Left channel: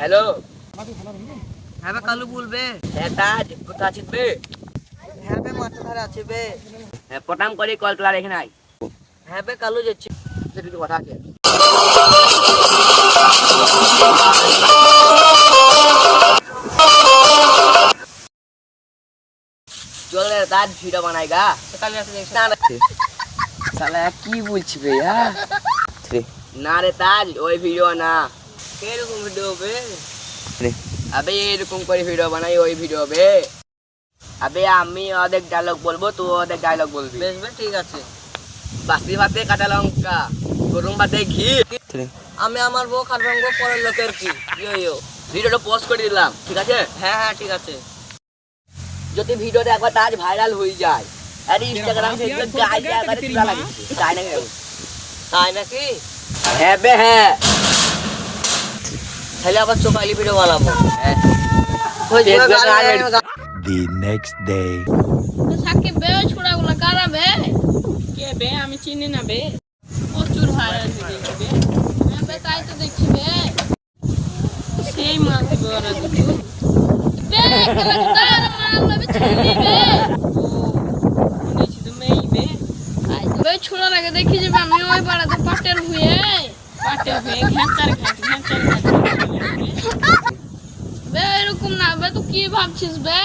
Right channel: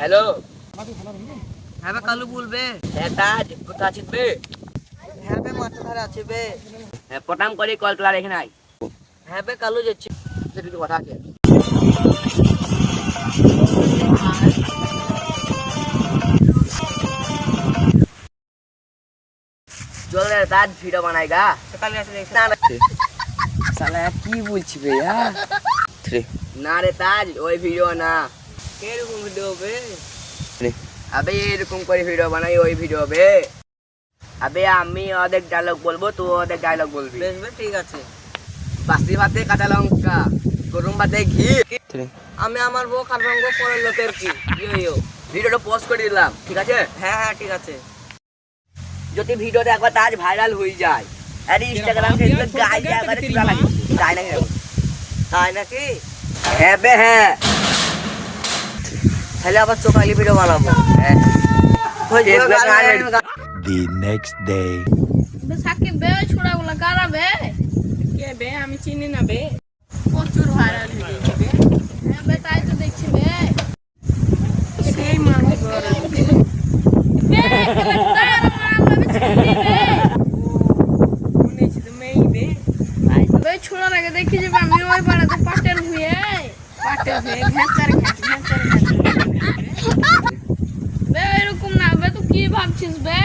Hello হ্যাঁ বে কালু বলবে। হ্যাঁ তাজ কোথা আছিস বে হ্যাঁ বে মাঠে ধারে আছে বে। হ্যাঁ পটাম করে কল তোলা রেখে নাই হ্যাঁ বে কালু যাচ্ছি। কথা আছে। চল রে ভিডিও না রে। সালা কি বলছি ভাইয়া না রে তাজ ওই ভিডিও না। এরকম ভিডিও বে আবে এরকম করে ভিডিও বানাই ওই ভিডিও বে আবে আমি অর্ধেক ডায়লগ বলব তুই অর্ধেক ডায়লগ বলবি বেশ বে ঠিক আছে বাসি ভাতে কাঁচা লঙ্কা গরম ভাতে ঘি আমি আমার বউ খাট পরের লোকের কি ইয়ো ইয়ো ভিডিওটা পোস্ট করে দিলাম ঠিক আছে হ্যাঁ হ্যাঁ ঠিক আছে যদি ভিডিওটা একবার তাজ ভাইরাল হয়ে যায় আরে ইনস্টাগ্রাম ফেসবুক গাই গাই করে তুলা লাগে তাই না কেন? তাই নাকি হ্যাঁ বে হ্যাঁ তাহলে আবার চোখালি ভিডিও বানাবো। হ্যাঁ। The next day. সাকিব বে ওই ছোড়াগুলো কারা বে? কে বে? আমি চিনি না বে। প্রচুর ভাইরাল হয়ে গেছে বে। হ্যাঁ বে তাই তো দেখছি বে। সেই মাল দিবে ওরা বে কেলা আমরা বে চিনি বে। মনে হচ্ছে তো মেয়ে বে। বে ছোড়ার আগে দেখি যে আমি ওই পাড়াতে পাটের ভুয়ে। পাটে হয়ে ঘ্যাঁচার ঘ্যাঁচ ঘ্যাঁচার ঘ্যাঁচ বে এরকম না বে তুই কি ভাবছিস বে